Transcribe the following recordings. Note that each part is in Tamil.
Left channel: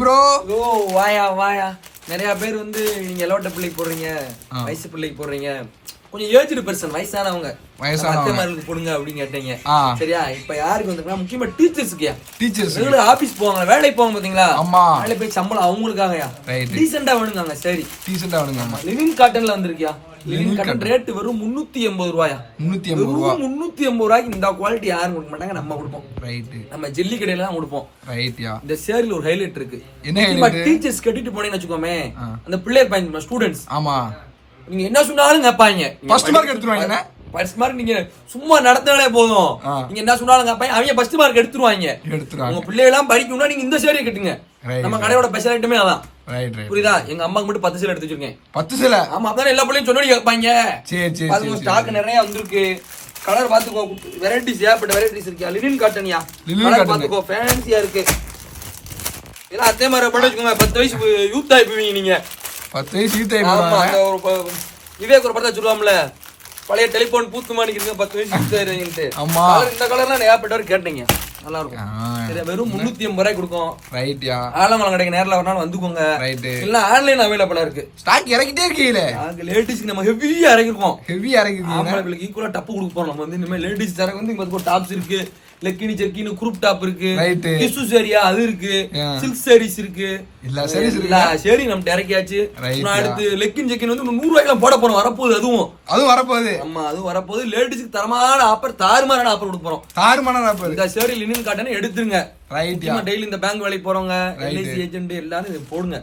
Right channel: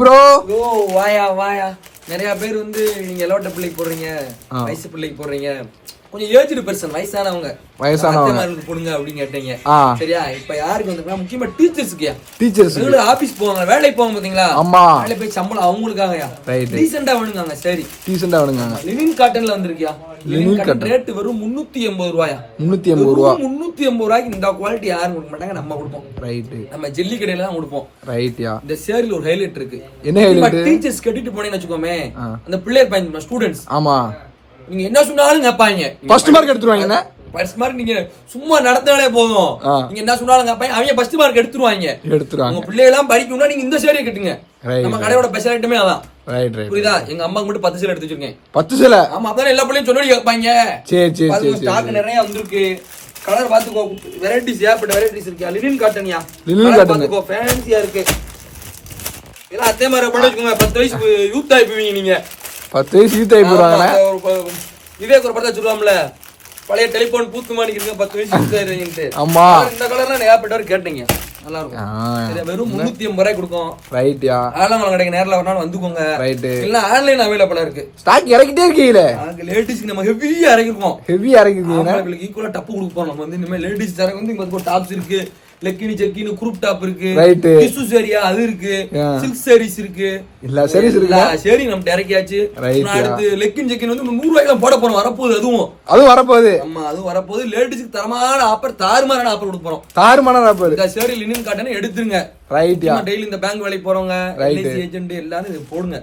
ப்ரோ வாயா வாயா. நிறைய பேர் வந்து நீங்க எலோட்ட பிள்ளைக்கு போடுறீங்க, வயசு பிள்ளைக்கு போடுறீங்க, கொஞ்சம் ஏஜ்டு பர்சன் வயசானவங்க அத்தைமார்களுக்கு போடுங்க அப்படின்னு கேட்டீங்க. சரியா? இப்ப யாருக்கு வந்து முக்கியமா டீச்சர்ஸ்க்கு ஆபீஸ் போவாங்க, வேலைக்கு போவாங்க பாத்தீங்களா? வேலை போய் சம்பளம் அவங்களுக்காகயா டீசெண்டா வேணுங்க. சரி டீசெண்டா வேணுங்க. லிவிங் காட்டன்ல வந்திருக்கியா? லிவிங் காட்டன் ரேட் வெறும் 380 ரூபாயா? 380 ரூபாய்க்கு இந்த குவாலிட்டி யாரும் கொடுக்க மாட்டாங்க, நம்ம கொடுப்போம். நம்ம ஜெல்லி கடையில தான் கொடுப்போம். இந்த சேரில் ஒரு ஹைலைட் இருக்கு. டீச்சர்ஸ் கட்டிட்டு போனேன்னு வச்சுக்கோமே, அந்த பிள்ளையர் பையன் ஸ்டூடெண்ட்ஸ் நீங்க என்ன சொன்னாலும் கேட்பாங்க. ஃபர்ஸ்ட் மார்க் எடுத்துருவாங்க. ஃபர்ஸ்ட் மார்க் நீங்க சும்மா நடந்தாலே போதும், நீங்க என்ன சொன்னாலும் கேட்பாங்க. அவங்க ஃபர்ஸ்ட் மார்க் எடுத்துருவாங்க. உங்க பிள்ளை எல்லாம் படிக்கணும்னா நீங்க இந்த சேரியை கட்டுங்க. நம்ம கடையோட ஸ்பெஷாலிட்டியுமே அதான். புரியுதா? எங்க அம்மாக்கு மட்டும் 10 சேலை எடுத்து வச்சிருக்கேன். 10 சேலை? ஆமா, அப்பதான் எல்லா பிள்ளையும் சொன்னி கேட்பாங்க. அது ஸ்டாக் நிறைய வந்திருக்கு. கலர் பாத்துக்கோ, வெரைட்டிஸ் ஏகப்பட்ட வெரைட்டிஸ் இருக்கு. லினன் காட்டன்யா, கலர் பாத்துக்கோ, ஃபேன்சியா இருக்கு. இதெல்லாம் அதே மாதிரி பண்ண வச்சுக்கோங்க. 10 வயசு யூத் ஆயிப்பீங்க நீங்க. 10 வயசு யூத் ஆயிப்பீங்க. விவேக் ஒரு படத்தை சொல்லுவாம்ல, பழைய டெலிபோன் பூத்து மாணிக்கிறீங்க 10 வயசு யூத் ஆயிருவீங்கன்ட்டு. இந்த கலர்லாம் ஏகப்பட்டவர் கேட்டீங்க. நல்லா இருக்கும். சரி, வெறும் 380 ரூபாய் கொடுக்கும். ரைட்யா. ஆலங்குளம் கடைக்கு நேரில் வரனாலும் வந்துக்கோங்க. ரைட். இல்ல ஆன்லைன் அவைலபிளா இருக்கு. ஸ்டாக் இறக்கிட்டே இருக்கீங்களே. லேடிஸ்க்கு நம்ம ஹெவியா இறக்கிருக்கோம். ஹெவியா இறக்கிருக்கோம். ஆம்பளைங்களுக்கு ஈக்குவலா டப்பு கொடுக்க போறோம். நம்ம வந்து இனிமே லேடிஸ் தரக்கு வந்து இங்க டாப்ஸ் இருக்கு, லெக்கினி செக்கினி குரூப் டாப் இருக்கு, டிஷ்யூ சேரியா அது இருக்கு, சில்க் சாரீஸ் இருக்கு. இல்ல சரி நம்ம இறக்கியாச்சு. அடுத்து லெக்கின் செக்கின் வந்து 100 ரூபாய்க்கு போட போறோம். வரப்போகுது. அதுவும் வரப்போகுது. ஆமா, அதுவும் வரப்போகுது. லேடிஸ்க்கு தரமான ஆஃபர், தாறுமாறான ஆஃபர் கொடுக்க போறோம். தாறுமாறான ஆஃபர். இந்த சேரி லினன் காட்டன் எடுத்துருங்க. டெய்லி இந்த பேங்க் வேலைக்கு போறவங்க, எல்ஐசி ஏஜென்ட் எல்லாரும் இது போடுங்க.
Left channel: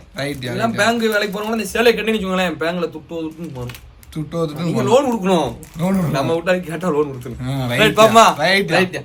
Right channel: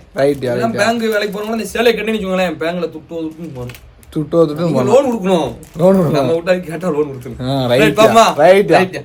எல்லாம் பேங்க் வேலைக்கு போறவங்க இந்த சேலை கட்டின்னு வச்சுக்கோங்களேன், பேங்க்ல துட்டு போகணும். நீங்க லோன் கொடுக்கணும். நம்ம விட்டா கேட்டா லோன் கொடுத்துருங்க.